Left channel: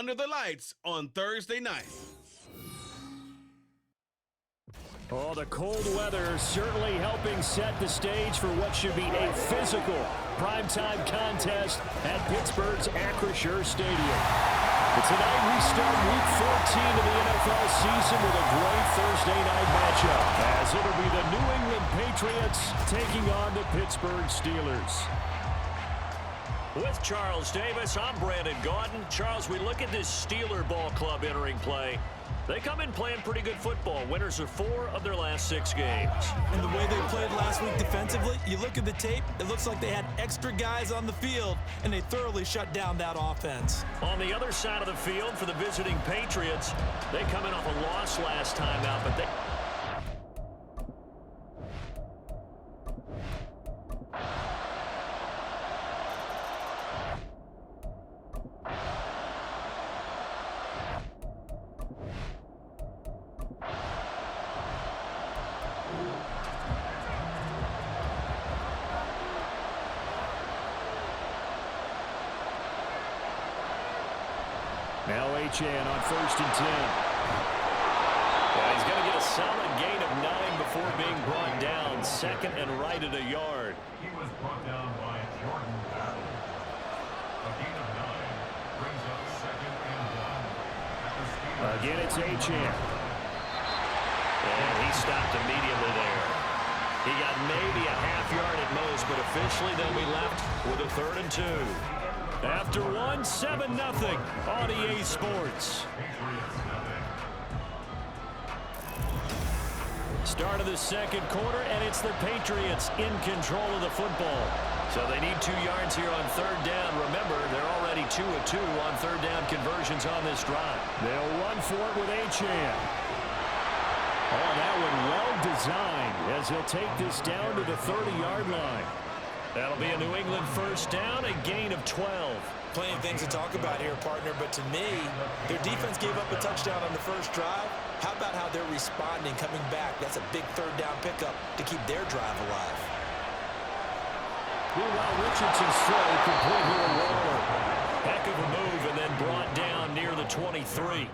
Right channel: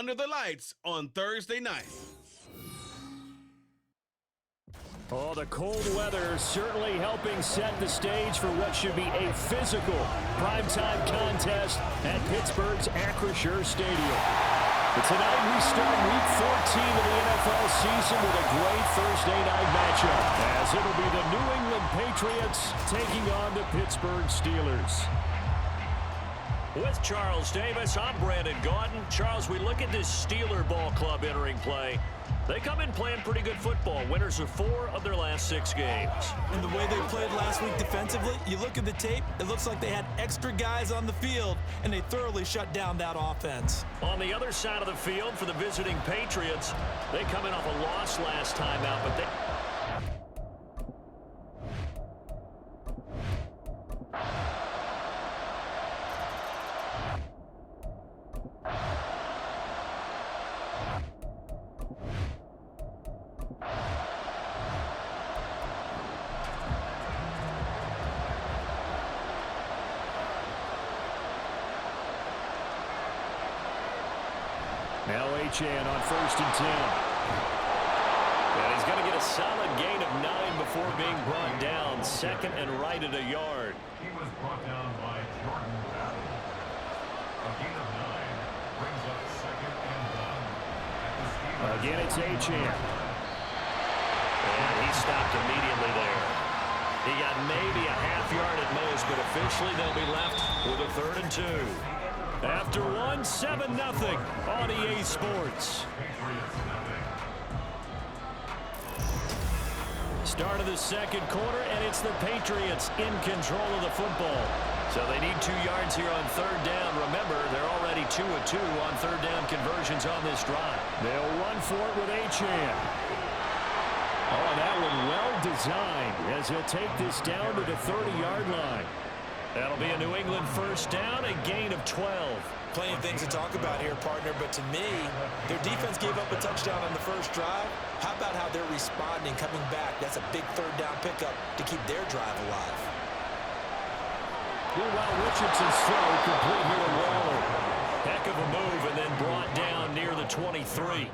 under the lights on Thursday night. Oh, the cold weather certainly helping set the stage for what should be a physical primetime contest at Pittsburgh's Acrisure Stadium. But tonight we start Week 14 of the NFL season with a great Thursday night matchup, as it'll be the New England Patriots taking on the Pittsburgh Steelers. With Charles Davis, I'm Brandon Gaudin. Charles, we look at this Steeler ball club entering play. They come in playing pretty good football. Winners of 4 of their last 6 games. And the way they played last week defensively, you look at the tape, it looks like they had extra guys on the field, and they thoroughly shut down that offense. On the other side of the field for the visiting Patriots, they come in off a loss last time out, but they... Now Achane on 1st and 10. Yeah, he's going to get a solid gain of 9 before being brought down. 2nd and right at a yard. He was brought down by Jordan Battle. A gain of 9 brings up 2nd and 1 at the Steelers. Again, it's Achane. And he stopped immediately there. He got maybe a half yard at most, but officially they'll be left with a 3rd and 2. After 1, 7-0 on EA Sports. Start of the second quarter, and it's the Patriots in control of the football. So they need 2 yards here on 3rd down. Remember, they're already 2 of 2 on 3rd down conversions on this drive. They'll run for it with Achane. Oh, that one well designed as he'll take this down to the 30-yard line. That'll be a New England 1st down, a gain of 12. Plenty of things to talk about here, partner, but to me, their defense gave up a touchdown on the first drive. How about how they're responding, coming back? That's a big 3rd down pickup to keep their drive alive. Meanwhile, Richardson's throw complete here to Waller. Heck of a move, and then brought down near the 23.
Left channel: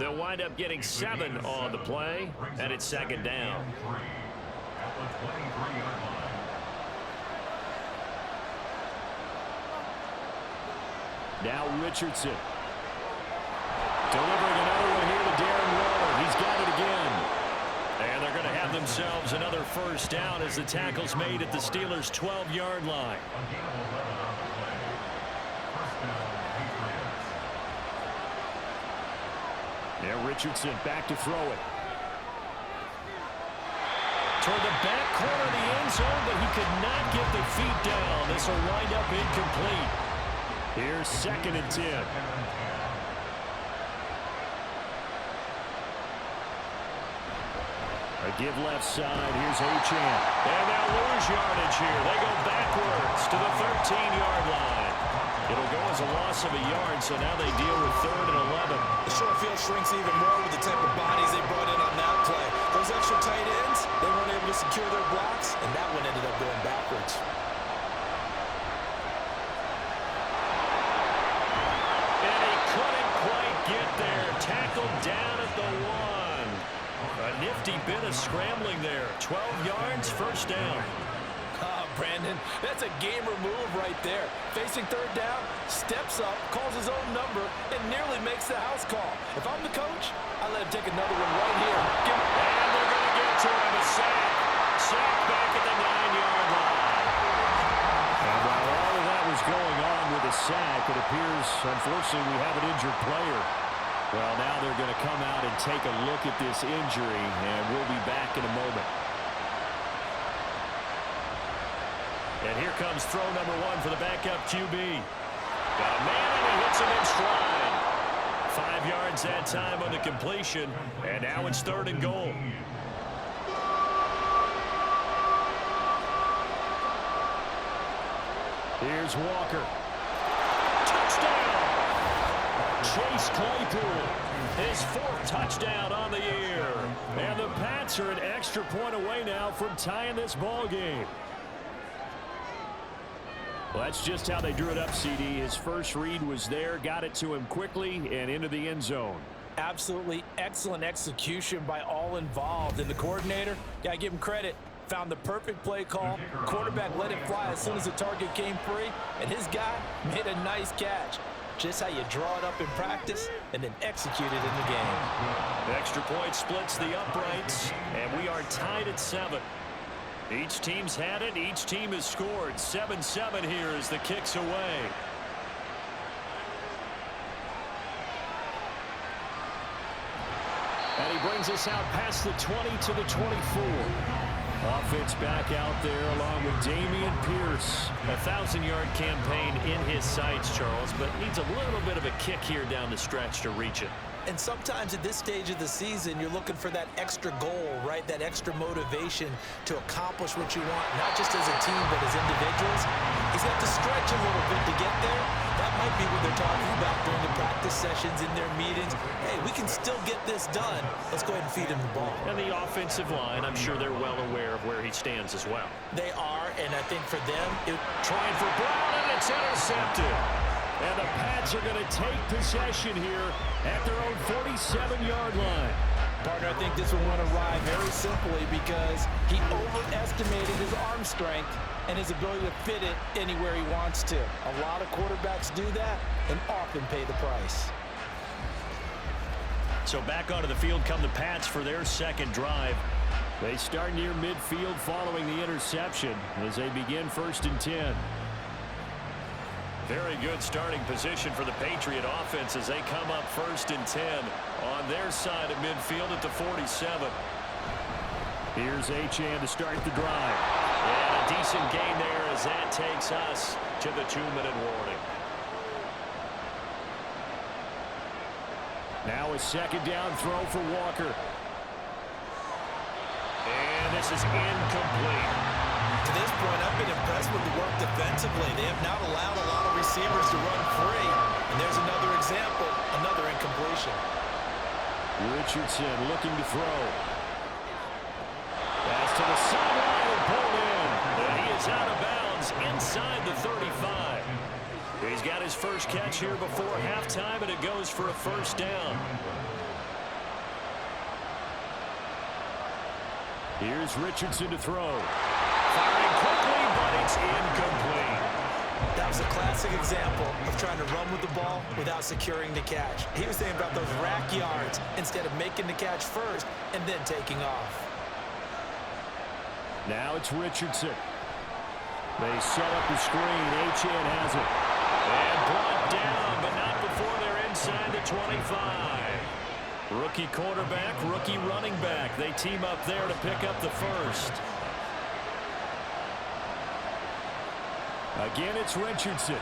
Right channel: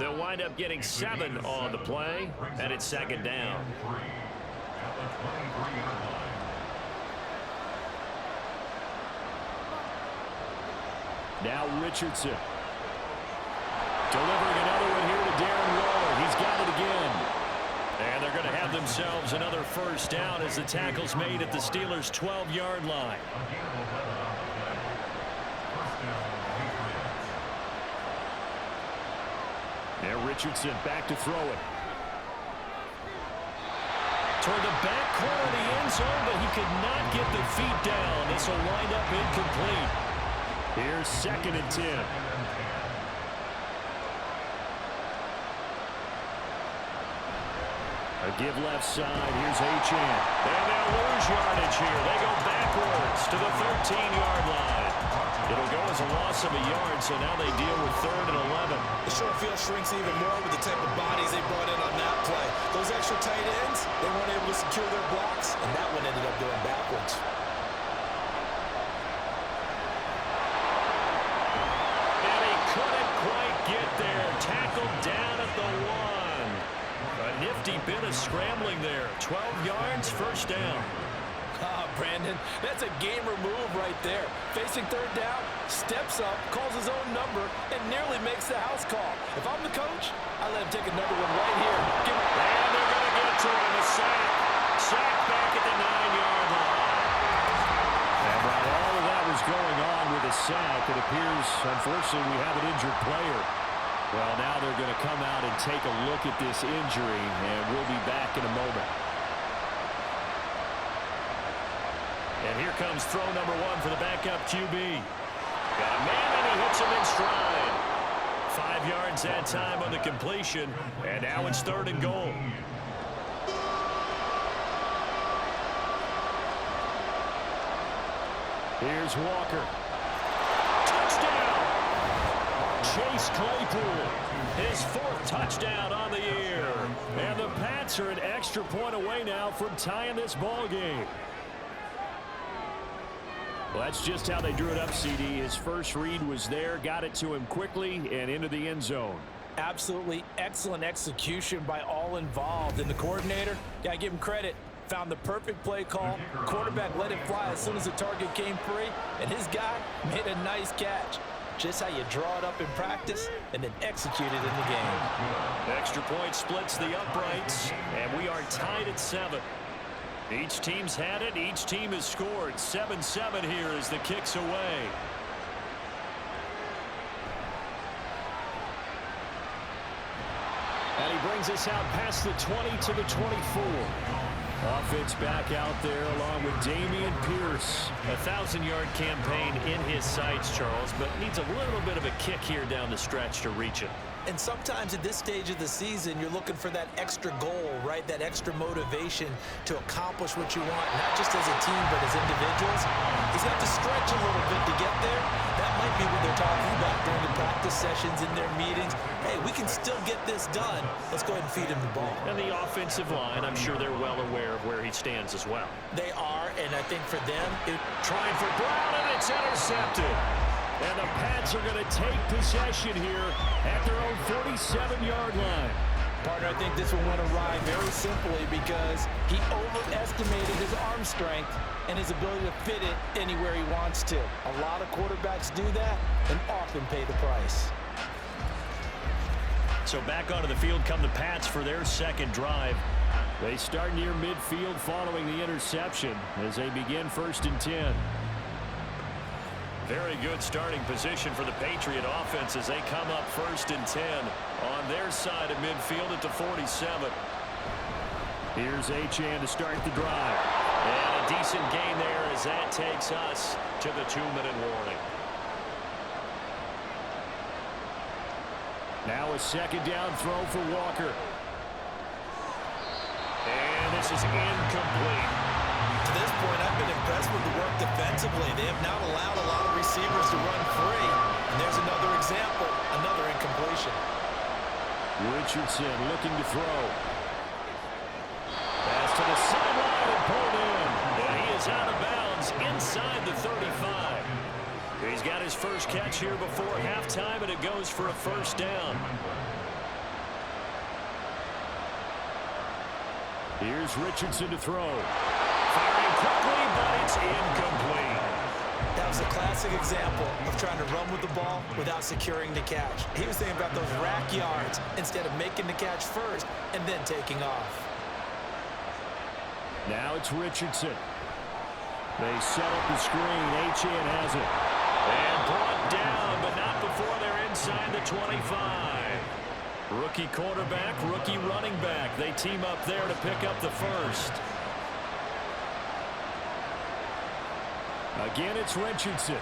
They'll wind up getting 7 on the play, and it's 2nd down. At the 23-yard line. Now Richardson. Delivering another one here to Darren Waller. He's got it again. And they're going to have themselves another 1st down as the tackle's made at the Steelers' 12-yard line. A gain of 11 on the play. 1st down, Patriots. Now Richardson back to throw it. Toward the back corner of the end zone, but he could not get the feet down. This will wind up incomplete. Here's 2nd and 10. A give left side. Here's Achane. And they'll lose yardage here. They go backwards to the 13-yard line. It'll go as a loss of a yard, so now they deal with 3rd and 11. The short field shrinks even more with the type of bodies they brought in on that play. Those extra tight ends, they weren't able to secure their blocks, and that one ended up going backwards. Couldn't quite get there. Tackled down at the 1. A nifty bit of scrambling there. 12 yards, 1st down. Brandon, that's a gamer move right there. Facing 3rd down, steps up, calls his own number, and nearly makes the house call. If I'm the coach, I let him take another one right here. And they're going to get to him. A sack. Sack back at the 9-yard line. And while all of that was going on with a sack, it appears, unfortunately, we have an injured player. Well, now they're going to come out and take a look at this injury, and we'll be back in a moment. And here comes throw number 1 for the backup QB. Got a man, and he hits him in stride. 5 yards that time on the completion, and now it's 3rd and goal. Here's Walker. Touchdown! Chase Claypool, his 4th touchdown on the year. And the Pats are an extra point away now from tying this ball game. Well, that's just how they drew it up, CD. His first read was there, got it to him quickly and into the end zone. Absolutely excellent execution by all involved. And the coordinator, got to give him credit, found the perfect play call. Quarterback let it fly as soon as the target came free, and his guy made a nice catch. Just how you draw it up in practice and then execute it in the game. Extra point splits the uprights, and we are tied at 7. Each team's had it. Each team has scored. 7-7 here as the kick's away. And he brings us out past the 20 to the 24. Offense back out there along with Dameon Pierce. A 1,000-yard campaign in his sights, Charles, but needs a little bit of a kick here down the stretch to reach it. And sometimes at this stage of the season, you're looking for that extra goal, right? That extra motivation to accomplish what you want, not just as a team, but as individuals. He's got to stretch a little bit to get there. That might be what they're talking about during the practice sessions, in their meetings. Hey, we can still get this done. Let's go ahead and feed him the ball. And the offensive line, I'm sure they're well aware of where he stands as well. They are, and I think for them, trying for Brown, and it's intercepted. And the Pats are going to take possession here at their own 47-yard line. Partner, I think this one went awry very simply because he overestimated his arm strength and his ability to fit it anywhere he wants to. A lot of quarterbacks do that and often pay the price. So back onto the field come the Pats for their second drive. They start near midfield following the interception as they begin 1st and 10. Very good starting position for the Patriot offense as they come up 1st and 10 on their side of midfield at the 47. Here's Achane to start the drive. And a decent gain there as that takes us to the 2-minute warning. Now a second down throw for Walker. And this is incomplete. To this point, I've been impressed with the work defensively. They have not allowed a lot of receivers to run free. And there's another example, another incompletion. Richardson looking to throw. Pass to the sideline and pulled in. And he is out of bounds inside the 35. He's got his first catch here before halftime, and it goes for a first down. Here's Richardson to throw. Firing quickly, but it's incomplete. That was a classic example of trying to run with the ball without securing the catch. He was thinking about those rack yards instead of making the catch first and then taking off. Now it's Richardson. They set up the screen. Achane has it. And brought down, but not before they're inside the 25. Rookie quarterback, rookie running back. They team up there to pick up the first. Again, it's Richardson.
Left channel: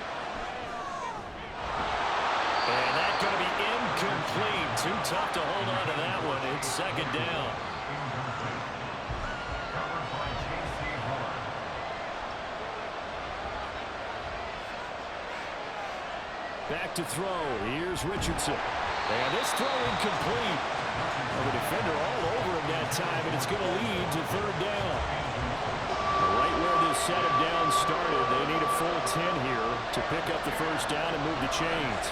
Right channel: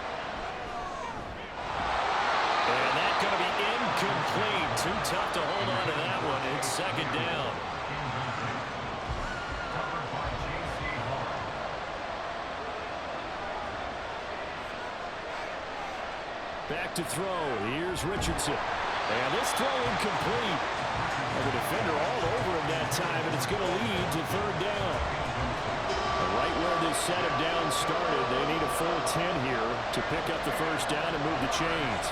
And that's going to be incomplete. Too tough to hold on to that one. It's second down. Back to throw. Here's Richardson. And this throw incomplete. Well, the defender all over him that time, and it's going to lead to third down. Right where this set of downs started, they need a full 10 here to pick up the first down and move the chains.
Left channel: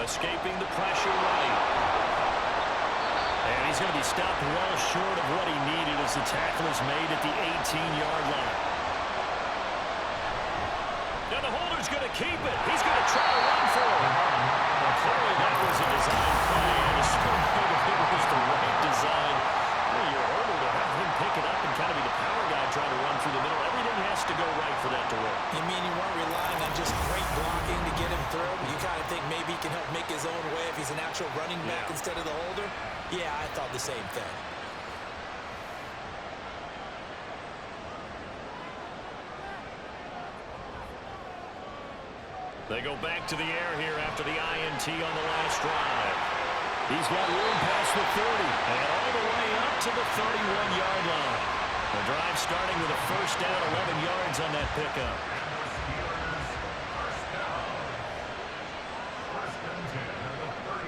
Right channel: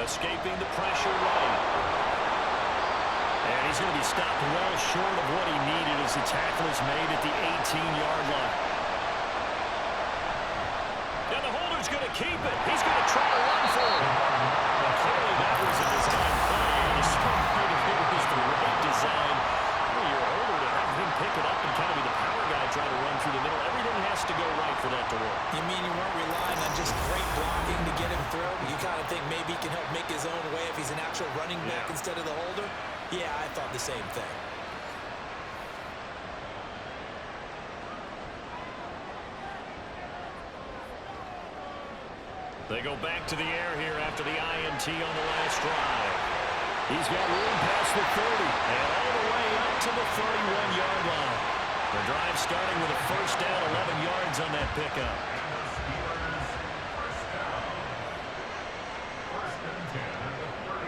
Escaping the pressure right. And he's going to be stopped well short of what he needed as the tackle is made at the 18-yard line. Now the holder's going to keep it. He's going to try to run for it. Now clearly that was a design play, and it's something if it was the right design. Your holder to have him pick it up and kind of be the power guy trying to run through the middle. Everything has to go right for that to work. You mean you weren't relying on just great blocking to get him through? You kind of think maybe he can help make his own way if he's an actual running back instead of the holder? Yeah, I thought the same thing. They go back to the air here after the INT on the last drive. He's got room past the 30. And all the way up to the 31-yard line. The drive starting with a first down, 11 yards on that pickup.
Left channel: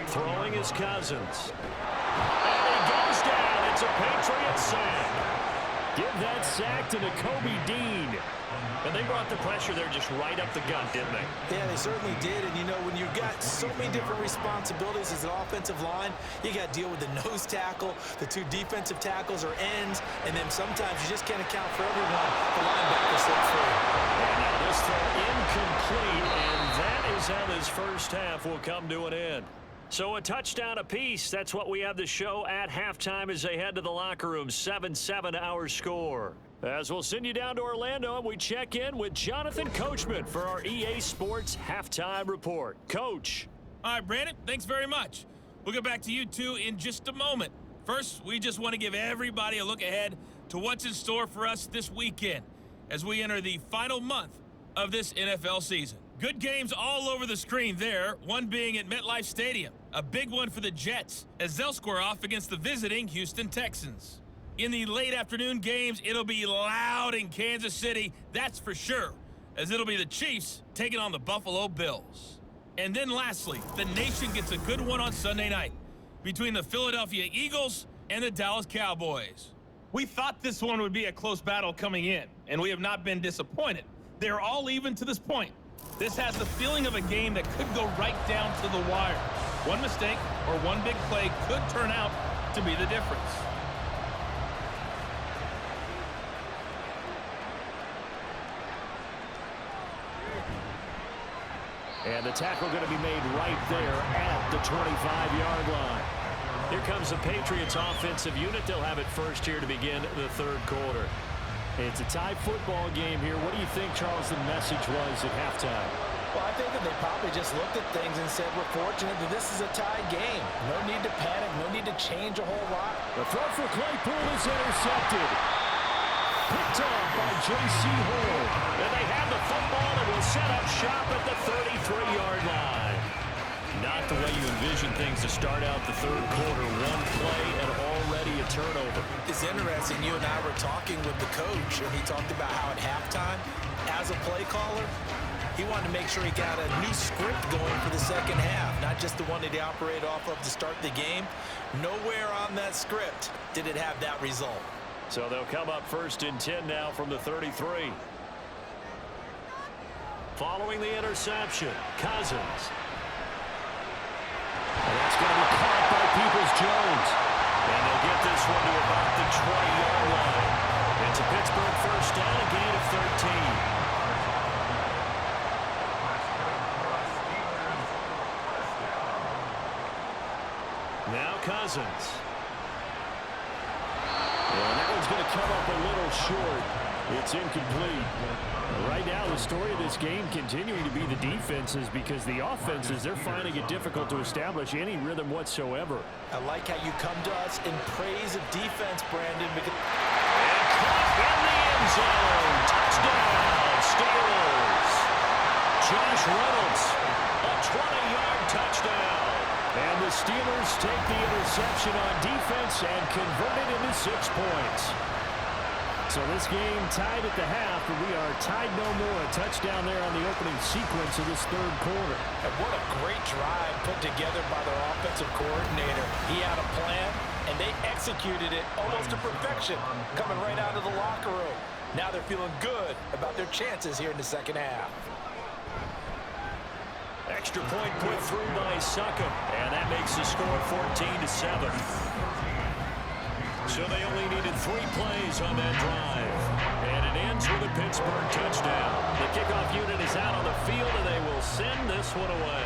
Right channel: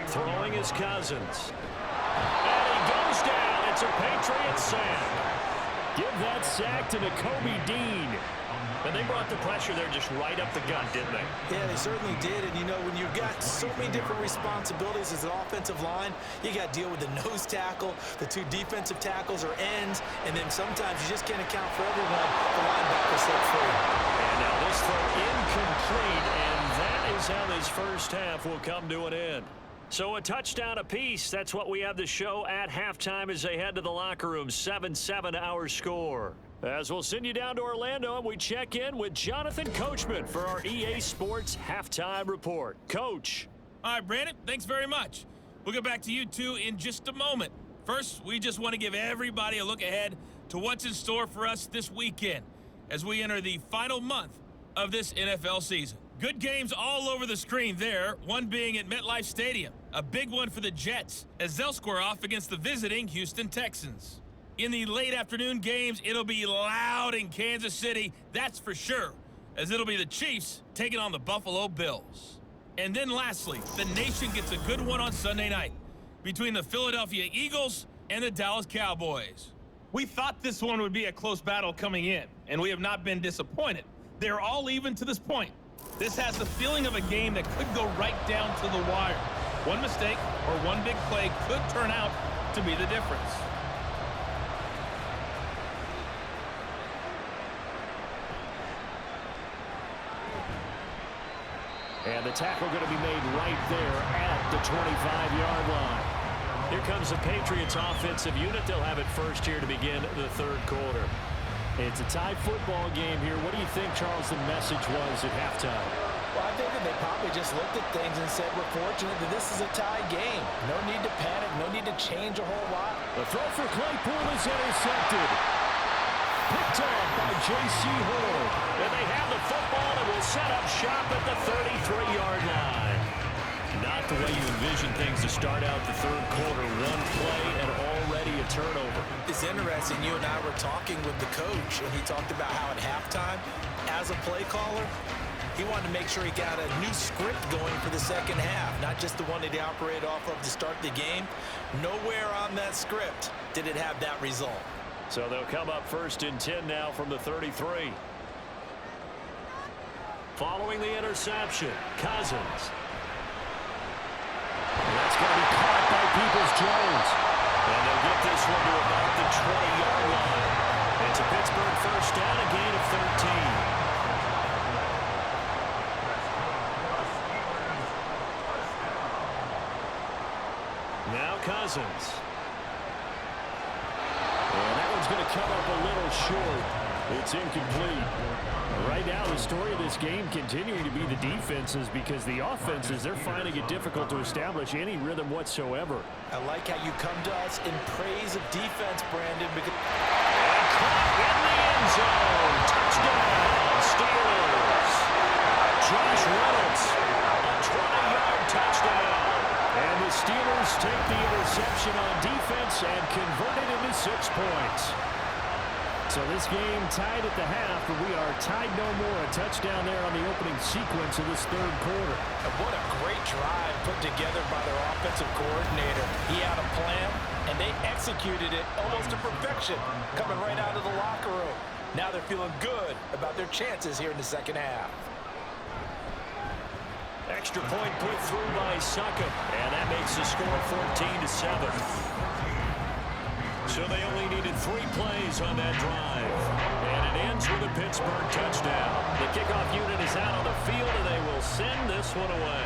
Throwing is Cousins. And he goes down. It's a Patriot sack. Give that sack to Nakobe Dean. And they brought the pressure there just right up the gut, didn't they? Yeah, they certainly did. And, you know, when you've got so many different responsibilities as an offensive line, you got to deal with the nose tackle, the two defensive tackles or ends, and then sometimes you just can't account for everyone. The linebacker slipped free. And now this throw incomplete, and that is how this first half will come to an end. So a touchdown apiece. That's what we have to show at halftime as they head to the locker room. 7-7 our score. As we'll send you down to Orlando, and we check in with Jonathan Coachman for our EA Sports Halftime Report. Coach. All right, Brandon, thanks very much. We'll get back to you two in just a moment. First, we just want to give everybody a look ahead to what's in store for us this weekend as we enter the final month of this NFL season. Good games all over the screen there, one being at MetLife Stadium. A big one for the Jets as they'll square off against the visiting Houston Texans. In the late afternoon games, it'll be loud in Kansas City, that's for sure, as it'll be the Chiefs taking on the Buffalo Bills. And then lastly, the nation gets a good one on Sunday night between the Philadelphia Eagles and the Dallas Cowboys. We thought this one would be a close battle coming in, and we have not been disappointed. They're all even to this point. This has the feeling of a game that could go right down to the wire. One mistake or one big play could turn out to be the difference. And the tackle going to be made right there at the 25-yard line. Here comes the Patriots offensive unit. They'll have it first here to begin the third quarter. It's a tie football game here. What do you think, Charles, the message was at halftime? Well, I think that they probably just looked at things and said, we're fortunate that this is a tie game. No need to panic. No need to change a whole lot. The throw for Claypool is intercepted. Picked off by J.C. Horn. And they have the football and will set up shop at the 33-yard line. Not the way you envision things to start out the third quarter. One play and already a turnover. It's interesting. You and I were talking with the coach, and he talked about how at halftime, as a play caller, he wanted to make sure he got a new script going for the second half, not just the one that he operated off of to start the game. Nowhere on that script did it have that result. So they'll come up first and 10 now from the 33. Following the interception, Cousins. And that's going to be caught by Peoples-Jones. And they'll get this one to about the 20-yard line. It's a Pittsburgh first down, a gain of 13. Now Cousins. And that one's going to come up a little short. It's incomplete. Right now, the story of this game continuing to be the defenses, because the offenses, they're finding it difficult to establish any rhythm whatsoever. I like how you come to us in praise of defense, Brandon. Because and caught in the end zone. Touchdown, Steelers. Josh Reynolds, a 20-yard touchdown. And the Steelers take the interception on defense and convert it into 6 points. So this game tied at the half, but we are tied no more. A touchdown there on the opening sequence of this third quarter. And what a great drive put together by their offensive coordinator. He had a plan, and they executed it almost to perfection, coming right out of the locker room. Now they're feeling good about their chances here in the second half. Extra point put through by Succop, and that makes the score 14-7. So they only needed 3 plays on that drive. And it ends with a Pittsburgh touchdown. The kickoff unit is out on the field, and they will send this one away.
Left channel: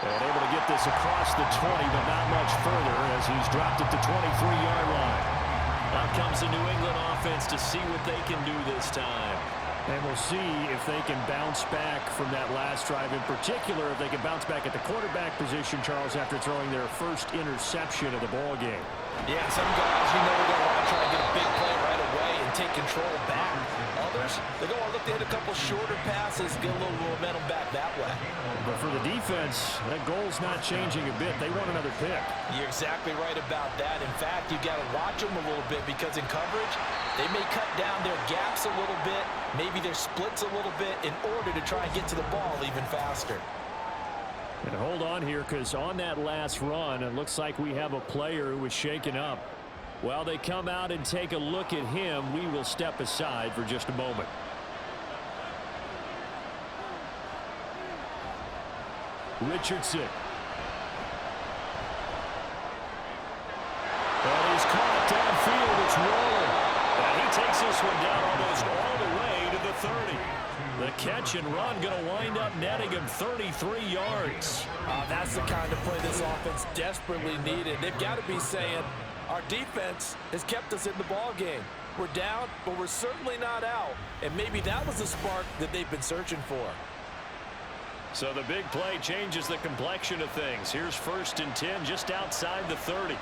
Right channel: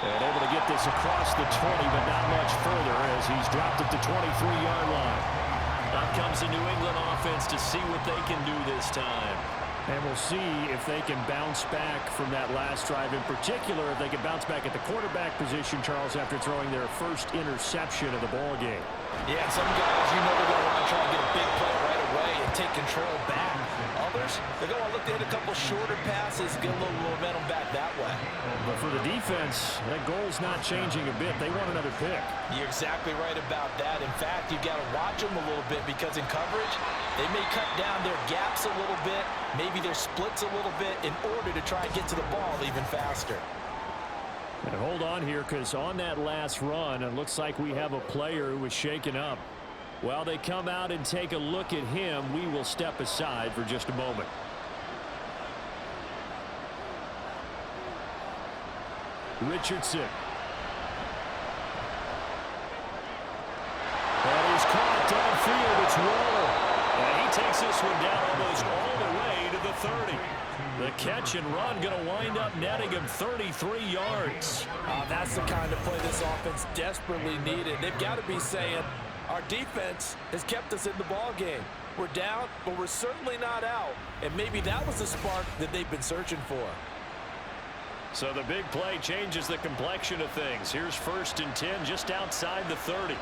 And able to get this across the 20, but not much further as he's dropped at the 23-yard line. Out comes the New England offense to see what they can do this time. And we'll see if they can bounce back from that last drive. In particular, if they can bounce back at the quarterback position, Charles, after throwing their first interception of the ball game. Yeah, some guys, you know, they're going to want to try and get a big play right away and take control back. Others, they're going to look to hit a couple shorter passes, get a little momentum back that way. But for the defense, that goal's not changing a bit. They want another pick. You're exactly right about that. In fact, you've got to watch them a little bit, because in coverage, they may cut down their gaps a little bit, maybe their splits a little bit, in order to try and get to the ball even faster. And hold on here, because on that last run, it looks like we have a player who was shaken up. While they come out and take a look at him, we will step aside for just a moment. Richardson. And he's caught downfield. It's Waller. And he takes this one down almost all the way to the 30. The catch and run going to wind up netting him 33 yards. That's the kind of play this offense desperately needed. They've got to be saying, our defense has kept us in the ball game. We're down, but we're certainly not out. And maybe that was the spark that they've been searching for. So the big play changes the complexion of things. Here's 1st and 10 just outside the 30.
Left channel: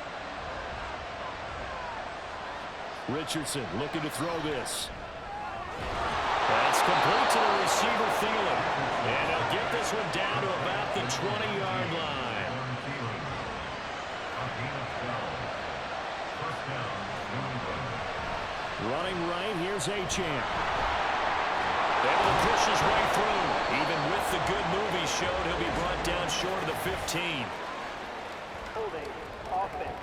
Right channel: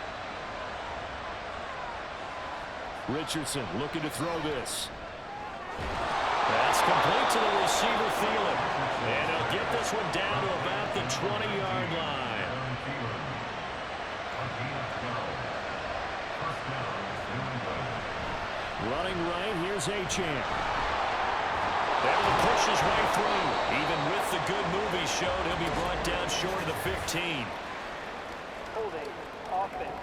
Richardson looking to throw this. That's complete to the receiver, Thielen. And he'll get this one down to about the 20-yard line. Running right, here's Achane. Able to push his way through. Even with the good move he showed, he'll be brought down short of the 15. Holding offense.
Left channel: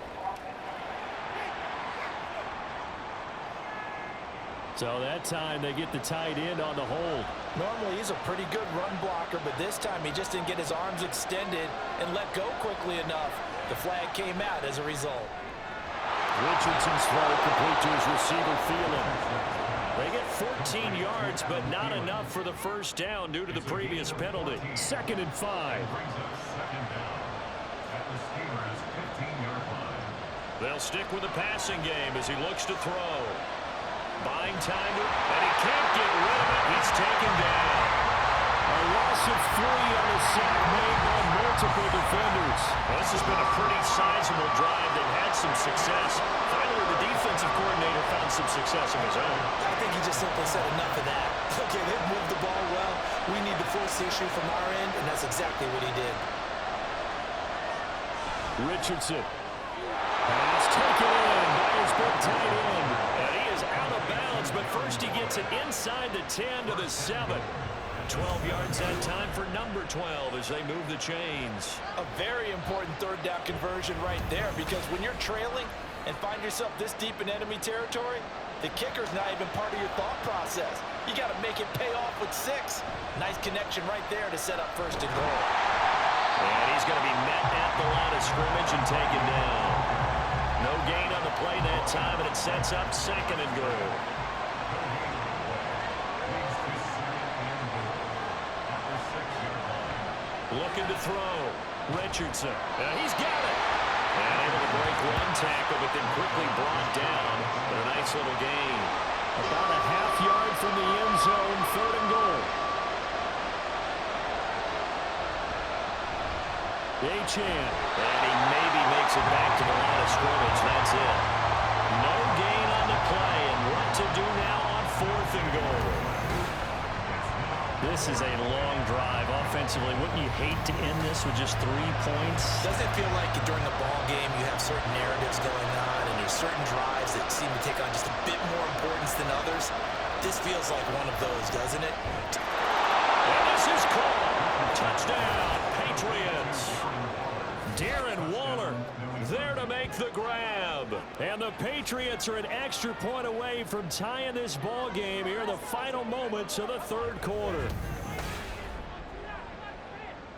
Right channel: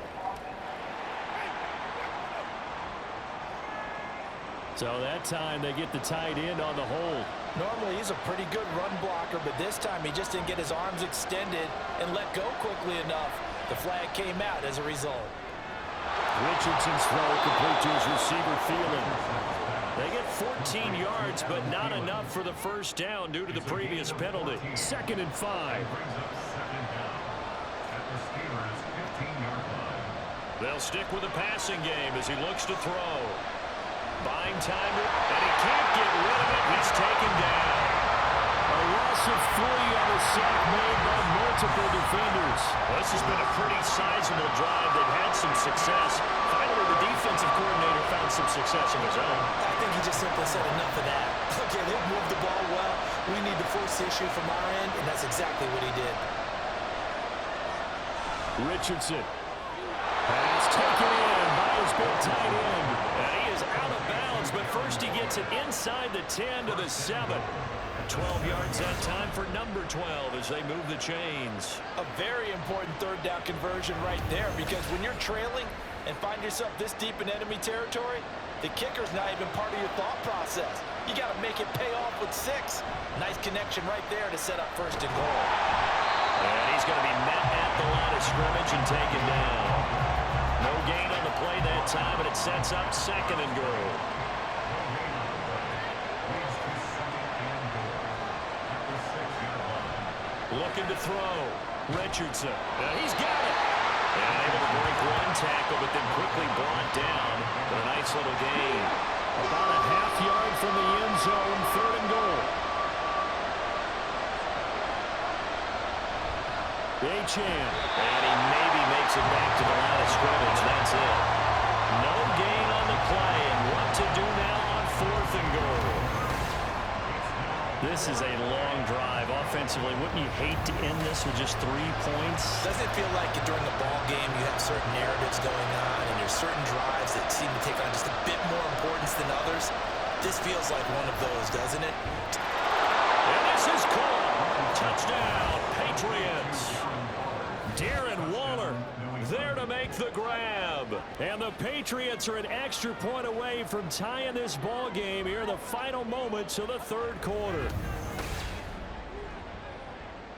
So that time they get the tight end on the hold. Normally he's a pretty good run blocker, but this time he just didn't get his arms extended and let go quickly enough. The flag came out as a result. Richardson's throw complete to his receiver, Thielen. They get 14 yards, but not enough for the first down due to the previous penalty. 2nd and 5. They'll stick with the passing game as he looks to throw. Buying time, and he can't get rid of it. He's taken down. A loss of 3 on a sack made by multiple defenders. Well, this has been a pretty sizable drive. They've had some success. Finally, the defensive coordinator found some success of his own. I think he just simply said enough of that. Okay, they've moved the ball well. We need to force the issue from our end, and that's exactly what he did. Richardson. Pass taken in by his big tight end. And he is out of bounds, but first he gets it inside the 10 to the 7. 12 yards that time for number 12 as they move the chains. A very important 3rd down conversion right there, because when you're trailing and find yourself this deep in enemy territory, the kicker's not even part of your thought process. You got to make it pay off with 6. Nice connection right there to set up 1st and goal. And he's going to be met at the line of scrimmage and taken down. No gain on the play that time, and it sets up 2nd and goal. Looking to throw. Richardson. He's got it. And able to break one tackle, but then quickly brought down. But a nice little gain. About a half-yard from the end zone, 3rd and goal. Achane. And he maybe makes it back to the line of scrimmage. That's it. No gain on the play. And what to do now on 4th and goal? This is a long drive offensively. Wouldn't you hate to end this with just 3 points? Doesn't it feel like during a ball game you have certain narratives going on and there's certain drives that seem to take on just a bit more importance than others? This feels like one of those, doesn't it? And this is caught. Touchdown, Patriots. Darren Waller there to make the grab. And the Patriots are an extra point away from tying this ball game here in the final moments of the 3rd quarter.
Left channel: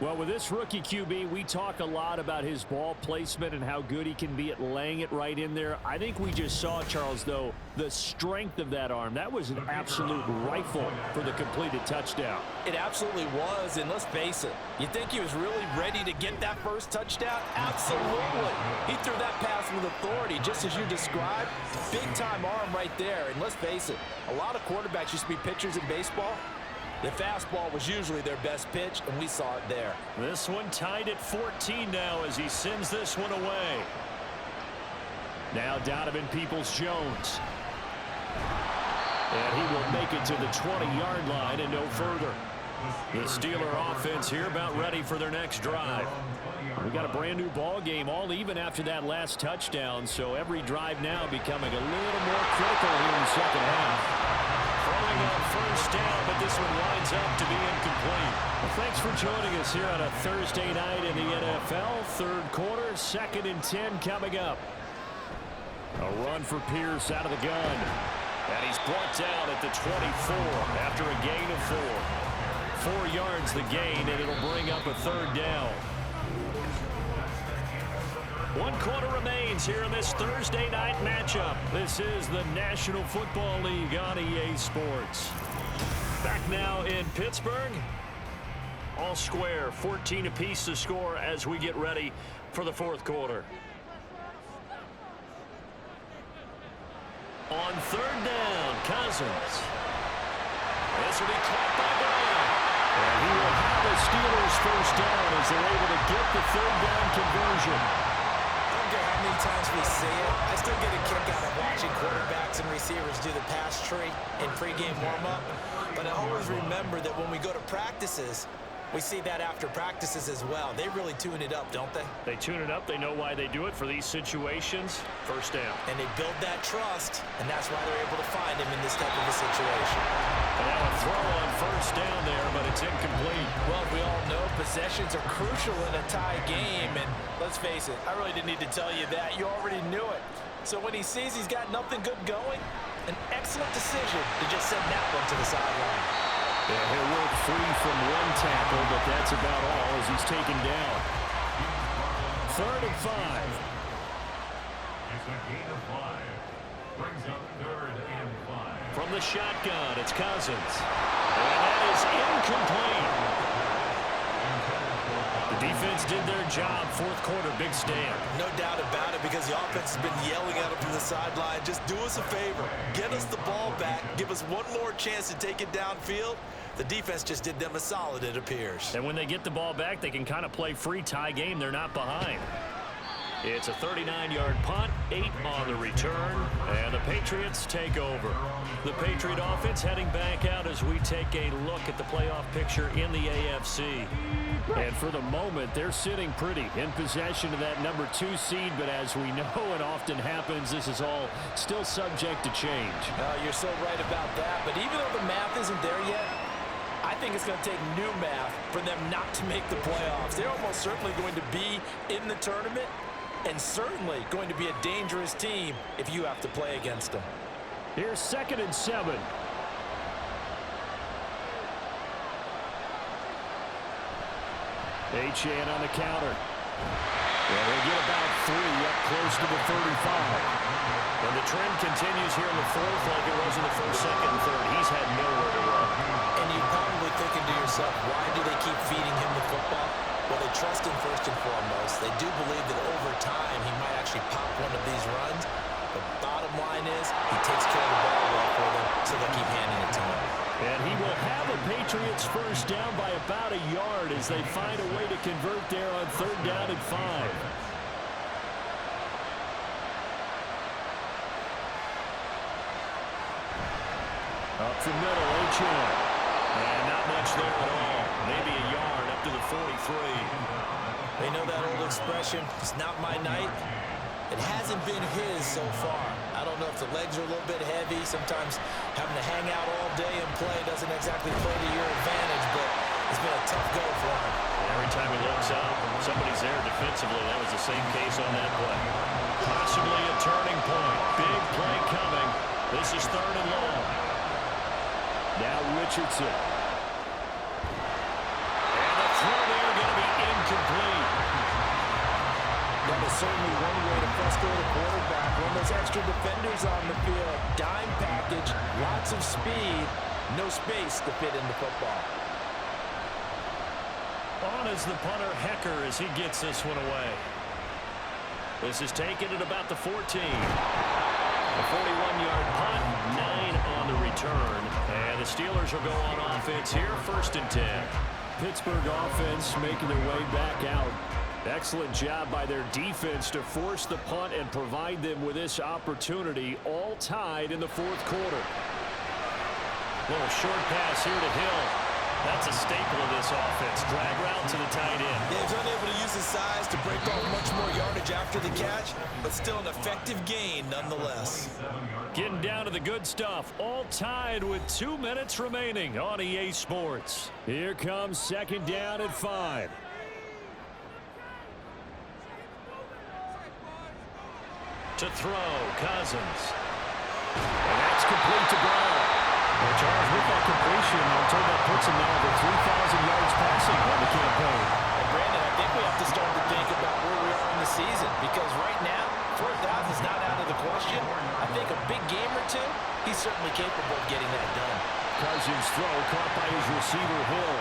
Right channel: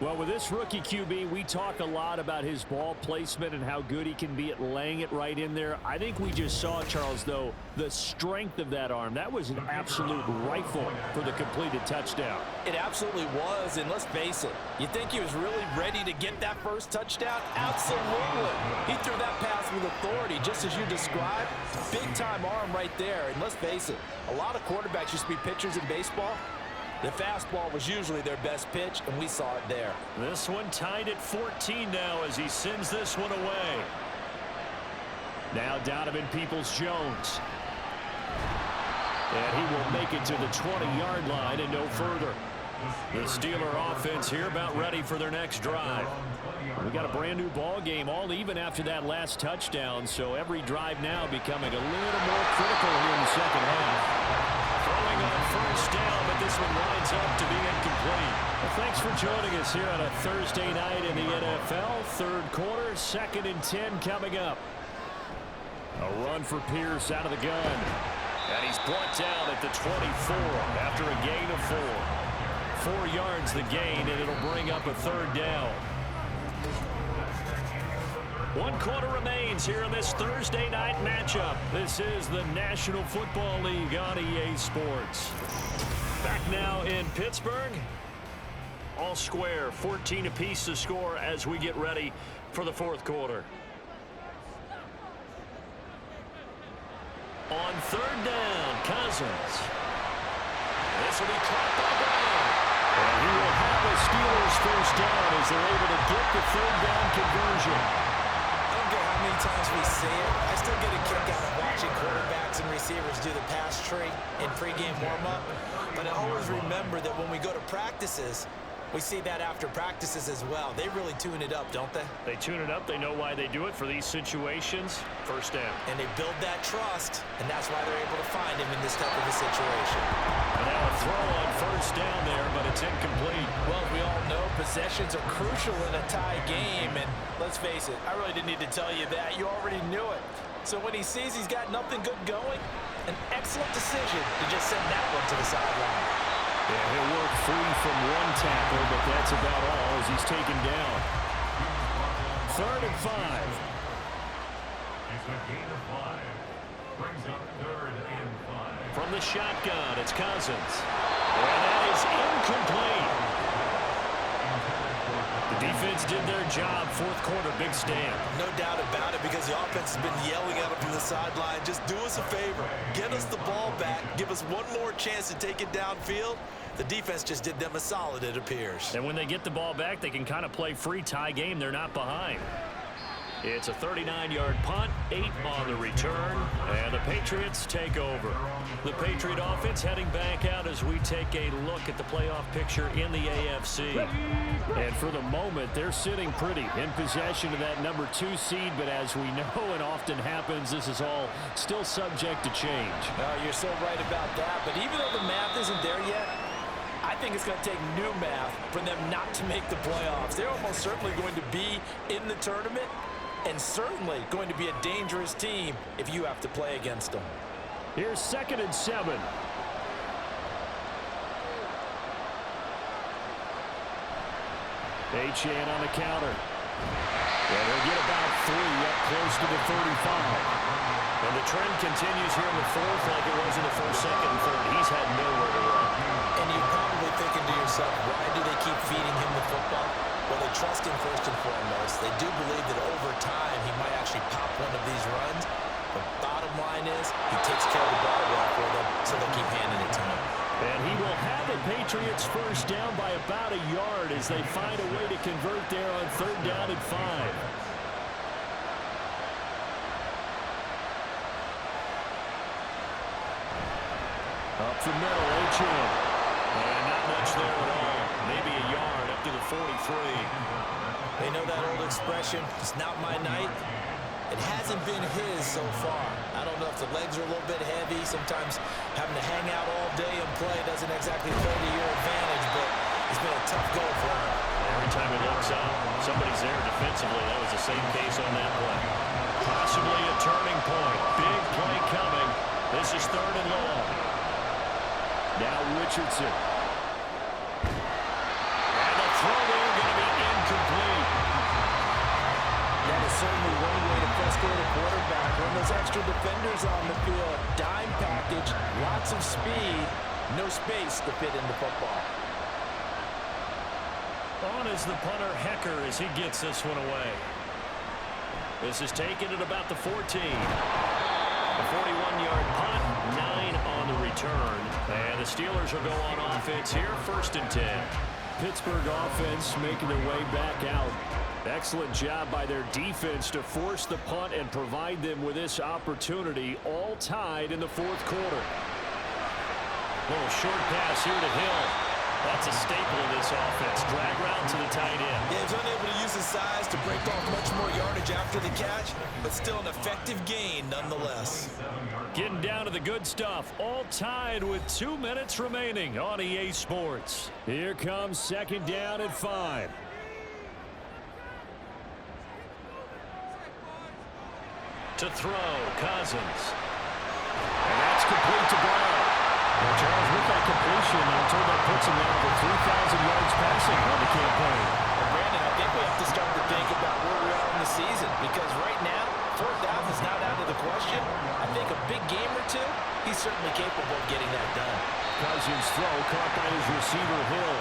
Well, with this rookie QB, we talk a lot about his ball placement and how good he can be at laying it right in there. I think we just saw, Charles, though, the strength of that arm. That was an absolute rifle for the completed touchdown. It absolutely was, and let's face it, you think he was really ready to get that first touchdown? Absolutely. He threw that pass with authority, just as you described. Big-time arm right there, and let's face it, a lot of quarterbacks used to be pitchers in baseball. The fastball was usually their best pitch, and we saw it there. This one tied at 14 now as he sends this one away. Now Donovan Peoples-Jones. And he will make it to the 20-yard line and no further. The Steeler offense here about ready for their next drive. We got a brand new ball game, all even after that last touchdown, so every drive now becoming a little more critical here in the second half. Throwing on first down, but this one winds up to be incomplete. Well, thanks for joining us here on a Thursday night in the NFL. Third quarter, 2nd and 10 coming up. A run for Pierce out of the gun. And he's brought down at the 24 after a gain of 4. 4 yards the gain, and it'll bring up a third down. 1 quarter remains here in this Thursday night matchup. This is the National Football League on EA Sports. Back now in Pittsburgh. All square, 14 apiece to score as we get ready for the 4th quarter. On 3rd down, Cousins. This will be caught by Brown. And he will have a Steelers first down as they're able to get the 3rd down conversion. I don't care how many times we see it. I still get a kick out of watching quarterbacks and receivers do the pass tree in pregame warm-up. But I always remember that when we go to practices, we see that after practices as well. They really tune it up, don't they? They tune it up. They know why they do it for these situations. First down. And they build that trust, and that's why they're able to find him in this type of a situation. And now a throw on first down there, but it's incomplete. Well, we all know possessions are crucial in a tie game, and let's face it, I really didn't need to tell you that. You already knew it. So when he sees he's got nothing good going, an excellent decision to just send that one to the sideline. Yeah, he'll work free from 1 tackle, but that's about all as he's taken down. 3rd and 5. It's a gain of 5. Brings up 3rd and 5. From the shotgun, it's Cousins. And that is incomplete. The defense did their job. 4th quarter, big stand. No doubt about it, because the offense has been yelling at him from the sideline. Just do us a favor. Get us the ball back. Give us one more chance to take it downfield. The defense just did them a solid, it appears. And when they get the ball back, they can kind of play free tie game. They're not behind. It's a 39-yard punt, 8 on the return, and the Patriots take over. The Patriot offense heading back out as we take a look at the playoff picture in the AFC. And for the moment, they're sitting pretty in possession of that number 2 seed, but as we know it often happens, this is all still subject to change. Oh, you're so right about that, but even though the math isn't there yet, I think it's going to take new math for them not to make the playoffs. They're almost certainly going to be in the tournament, and certainly going to be a dangerous team if you have to play against them. Here's 2nd and 7. Achane on the counter. And he'll get about 3 up close to the 35. And the trend continues here in the 4th like it was in the 1st, 2nd, and 3rd. He's had nowhere to run. And you're probably thinking to yourself, why do they keep feeding him the football? Well, they trust him first and foremost. They do believe that over time he might actually pop one of these runs. But bottom line is he takes care of the ball well for them, so they'll keep handing it to him. And he will have a Patriots first down by about a yard as they find a way to convert there on 3rd down and 5. Up the middle, Achane. And not much there at all. Maybe a yard up to the 43. They know that old expression, it's not my night. It hasn't been his so far. I don't know if the legs are a little bit heavy. Sometimes having to hang out all day and play doesn't exactly play to your advantage, but it's been a tough go for him. Every time he looks up, somebody's there defensively. That was the same case on that play. Possibly a turning point. Big play coming. This is 3rd and long. Now Richardson. And the throw there going to be incomplete. That is certainly one way to frustrate a quarterback. When those extra defenders on the field, dime package, lots of speed, no space to fit in the football. On is the punter Hecker as he gets this one away. This is taken at about the 14. A 41-yard punt, 9 on the return. And the Steelers will go on offense here, 1st and 10. Pittsburgh offense making their way back out. Excellent job by their defense to force the punt and provide them with this opportunity, all tied in the 4th quarter. Little short pass here to Hill. That's a staple of this offense. Drag route to the tight end. Yeah, he's unable to use his size to break off much more yardage after the catch, but still an effective gain nonetheless. Getting down to the good stuff. All tied with 2 minutes remaining on EA Sports. Here comes second down and 5. To throw, Cousins. And that's complete to Brown. Well, Charles, with that completion, I'm told that puts him now over 3,000 yards passing on the campaign. And Brandon, I think we have to start to think about where we are in the season, because right now, 4,000 is not out of the question. I think a big game or two, he's certainly capable of getting that done. Cousins' throw caught by his receiver, Hill.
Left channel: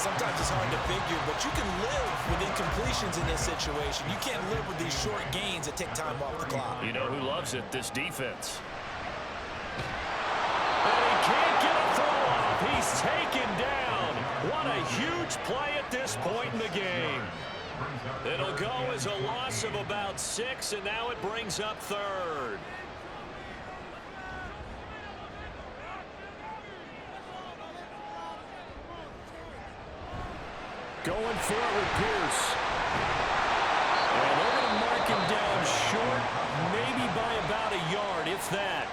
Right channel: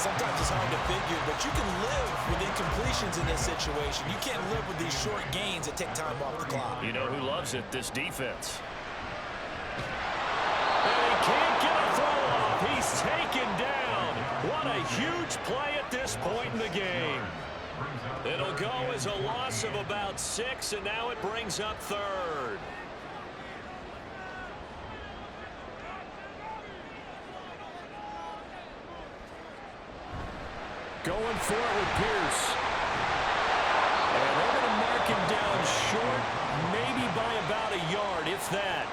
Sometimes it's hard to figure, but you can live with incompletions in this situation. You can't live with these short gains that take time off the clock. You know who loves it? This defense. And he can't get a throw off. He's taken down. What a huge play at this point in the game. It'll go as a loss of about 6, and now it brings up third. Going for it with Pierce. And they're going to mark him down short, maybe by about a yard, if that.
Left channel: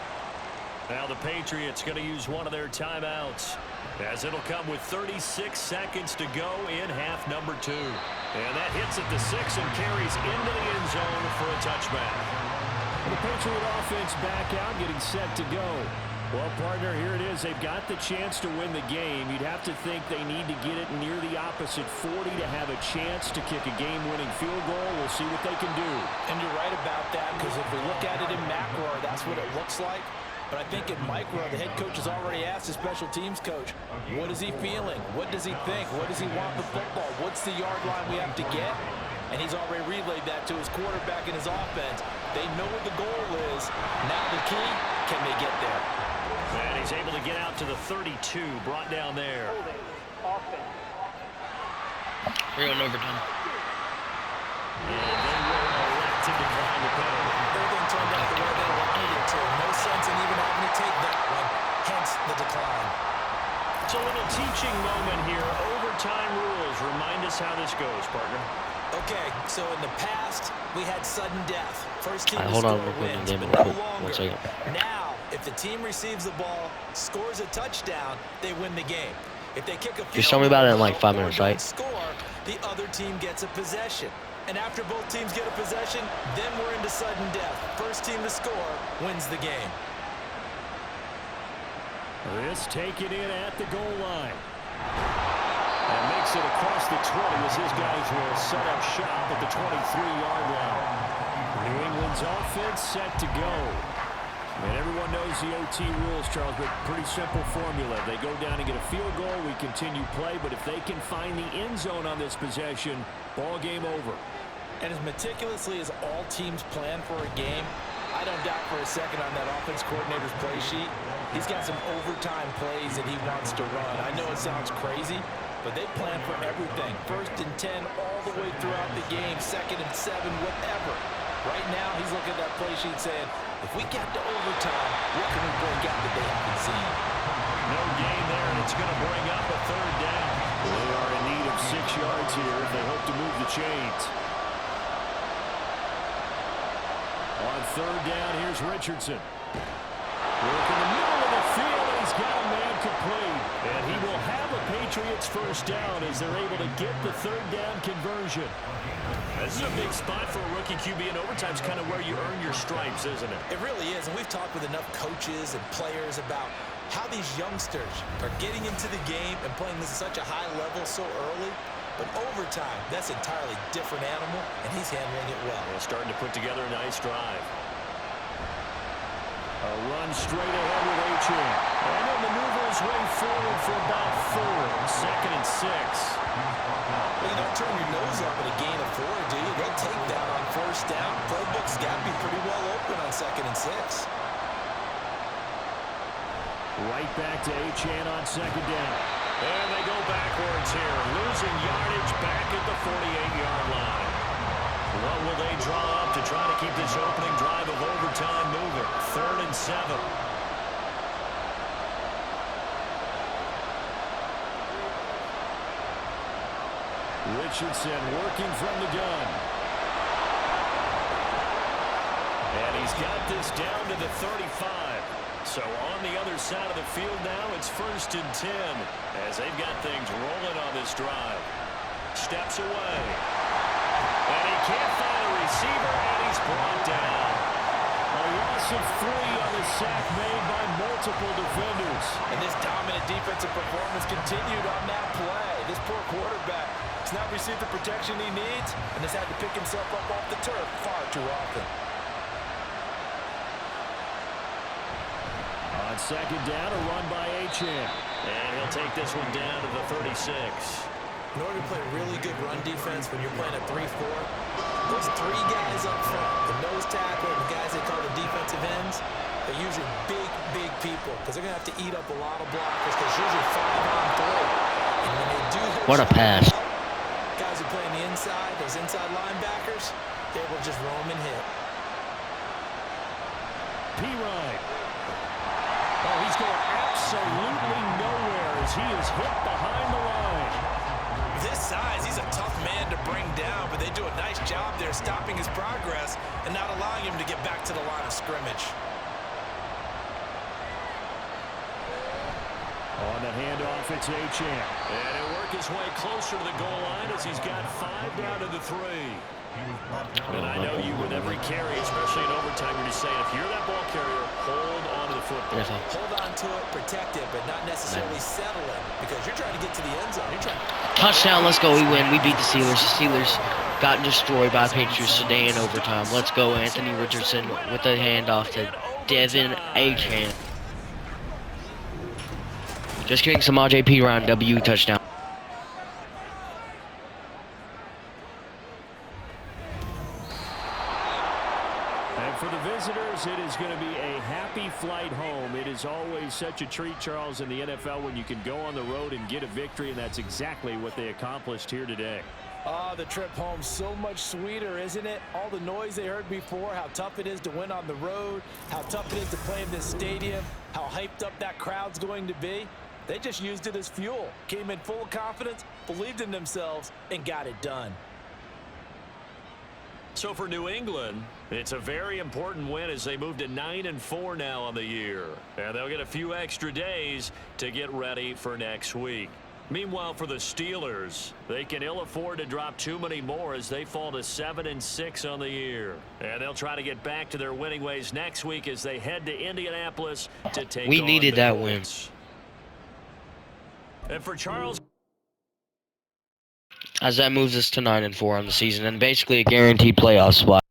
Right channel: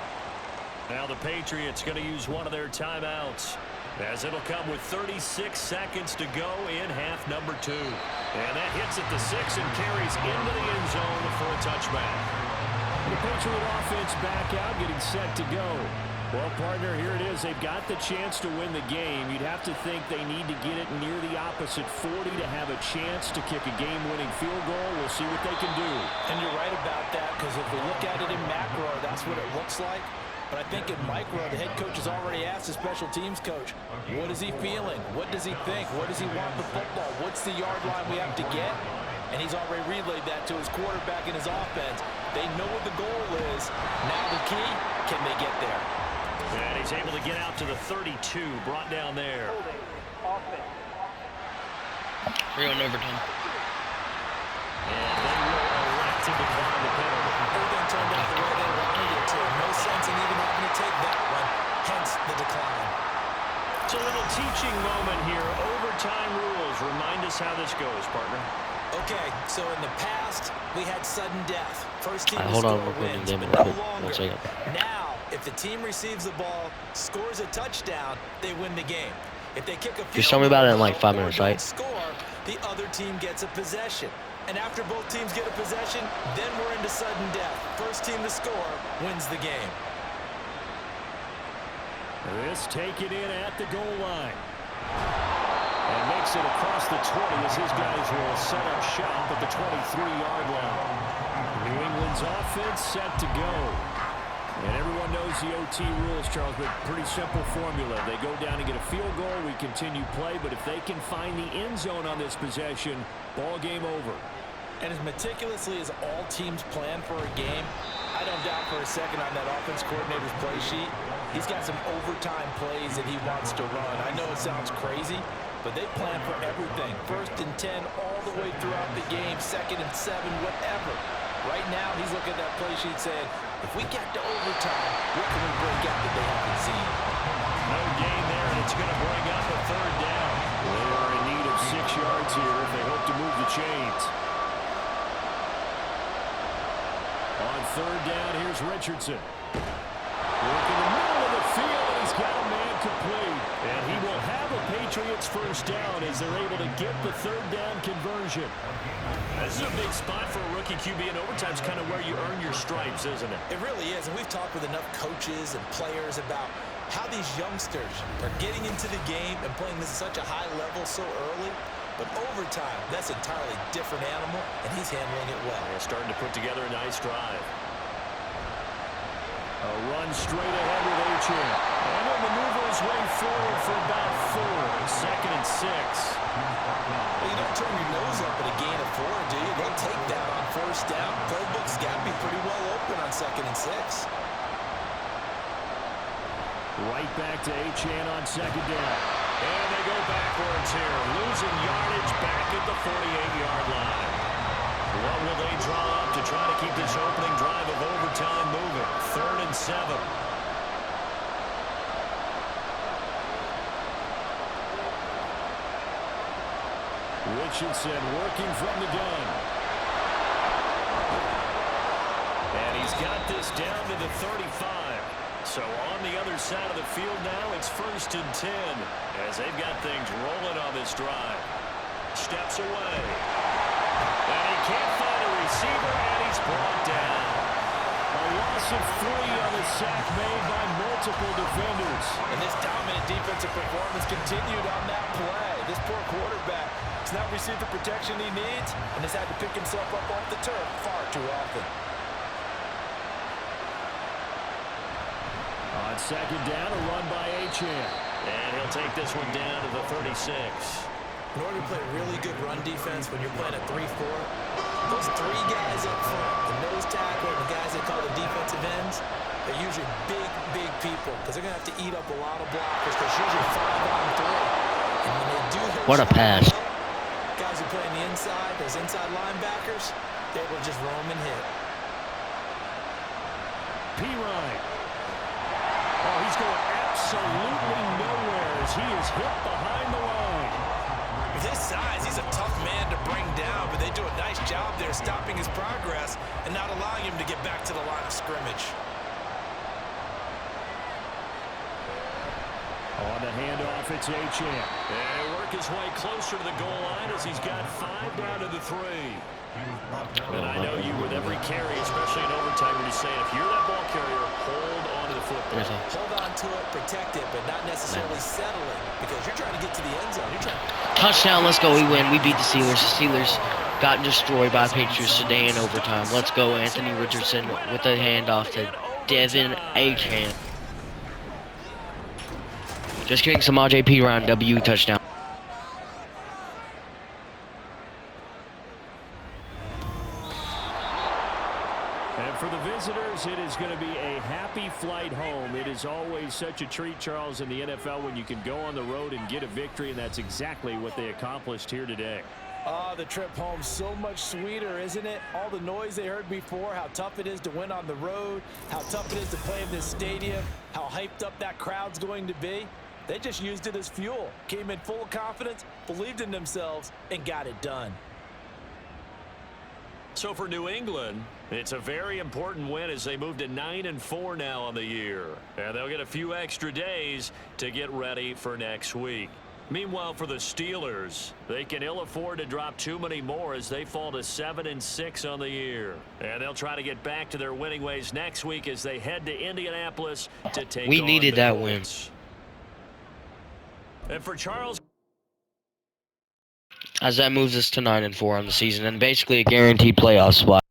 Now the Patriots going to use one of their timeouts, as it'll come with 36 seconds to go in half number 2. And that hits at the 6 and carries into the end zone for a touchback. The Patriot offense back out, getting set to go. Well, partner, here it is. They've got the chance to win the game. You'd have to think they need to get it near the opposite 40 to have a chance to kick a game-winning field goal. We'll see what they can do. And you're right about that, because if we look at it in macro, that's what it looks like. But I think in micro, the head coach has already asked the special teams coach, what is he feeling? What does he think? What does he want the football? What's the yard line we have to get? And he's already relayed that to his quarterback and his offense. They know what the goal is. Now the key, can they get there? And he's able to get out to the 32, brought down there. Holding. Offense. We're going overtime. And they will elect to decline the penalty. Everything turned out the way they wanted it to. No sense in even having to take that one, hence the decline. It's a little teaching moment here. Overtime rules. Remind us how this goes, partner. Okay, so in the past, we had sudden death. First team to Hold on, score we're wins, game but real no quick. 1 longer. second. Now, if the team receives the ball, scores a touchdown, they win the game. If they kick a field tell me about it in like goal 5 or minutes, don't right? score, the other team gets a possession. And after both teams get a possession, then we're into sudden death. First team to score wins the game. This taken in at the goal line. And makes it across the 20 as his guys will set up shop at the 23-yard line. New England's offense set to go. And everyone knows the OT rules, Charles, but pretty simple formula. They go down and get a field goal, we continue play, but if they can find the end zone on this possession, ball game over. And as meticulously as all teams plan for a game, I don't doubt for a second on that offense coordinator's play sheet, he's got some overtime plays that he wants to run. I know it sounds crazy, but they plan for everything. 1st and 10 all the way throughout the game, 2nd and 7, whatever. Right now, he's looking at that play sheet saying, if we get to overtime, what can we bring out that they haven't seen? No gain there, and it's going to bring up a 3rd down. They are in need of 6 yards here if they hope to move the chains. On 3rd down, here's Richardson. Work in the middle of the field, and he's got a man complete. And he will have a Patriots 1st down as they're able to get the 3rd down conversion. This is a big spot for a rookie QB, and overtime's kind of where you earn your stripes, isn't it? It really is, and we've talked with enough coaches and players about how these youngsters are getting into the game and playing this at such a high level so early. But overtime, that's an entirely different animal, and he's handling it well. Yeah, starting to put together a nice drive. A run straight ahead with Achane. And he'll maneuver his way forward for about 4. 2nd and 6. Well, you don't turn your nose up at a gain of 4, do you? They'll take that on 1st down. Playbook's got to be pretty well open on 2nd and 6. Right back to Achane on 2nd down. And they go backwards here, losing yardage back at the 48-yard line. What will they draw up to try to keep this opening drive of overtime moving? 3rd and 7. Richardson working from the gun. And he's got this down to the 35. So on the other side of the field now, it's 1st and 10 as they've got things rolling on this drive. Steps away. And he can't find a receiver, and he's brought down. A loss of 3 on the sack made by multiple defenders. And this dominant defensive performance continued on that play. This poor quarterback has not received the protection he needs and has had to pick himself up off the turf far too often. On 2nd down, a run by Achane. And he'll take this one down to the 36. In order to play really good run defense when you're playing a 3-4, those 3 guys up front, the nose tackle and the guys they call the defensive ends, they're usually big people because they're going to have to eat up a lot of blockers because usually 5 on 3. And when they do their What a pass. well, guys who play on the inside, those inside linebackers, they're able to just roam and hit. P-Ryan. Oh, he's going absolutely nowhere as he is hit behind the line. With his size, he's a tough man to bring down, but they do a nice job there stopping his progress and not allowing him to get back to the line of scrimmage. On the handoff, it's Achane. And he'll work his way closer to the goal line as he's got 5 down to the 3. And I know you with every carry, especially in overtime, you're just saying, if you're that ball carrier, hold on to the football. Hold on to it, protect it, but not necessarily settle it because you're trying to get to the end zone. You're trying to... Touchdown, let's go. We win. We beat the Steelers. The Steelers got destroyed by Patriots today in overtime. Let's go, Anthony Richardson with the handoff to Devin Achane. Just kidding, Samaje Perine, W touchdown. And for the visitors, it is going to be a happy flight home. It is always such a treat, Charles, in the NFL when you can go on the road and get a victory, and that's exactly what they accomplished here today. The trip home so much sweeter, isn't it? All the noise they heard before, how tough it is to win on the road, how tough it is to play in this stadium, how hyped up that crowd's going to be. They just used it as fuel, came in full of confidence, believed in themselves, and got it done. So for New England, it's a very important win as they move to 9-4 now on the year. And they'll get a few extra days to get ready for next week. Meanwhile, for the Steelers, they can ill afford to drop too many more as they fall to 7-6 on the year. And they'll try to get back to their winning ways next week as they head to Indianapolis to take We on needed the that win. Colts. And for Charles, As that moves us to 9-4 on the season and basically a guaranteed playoff spot.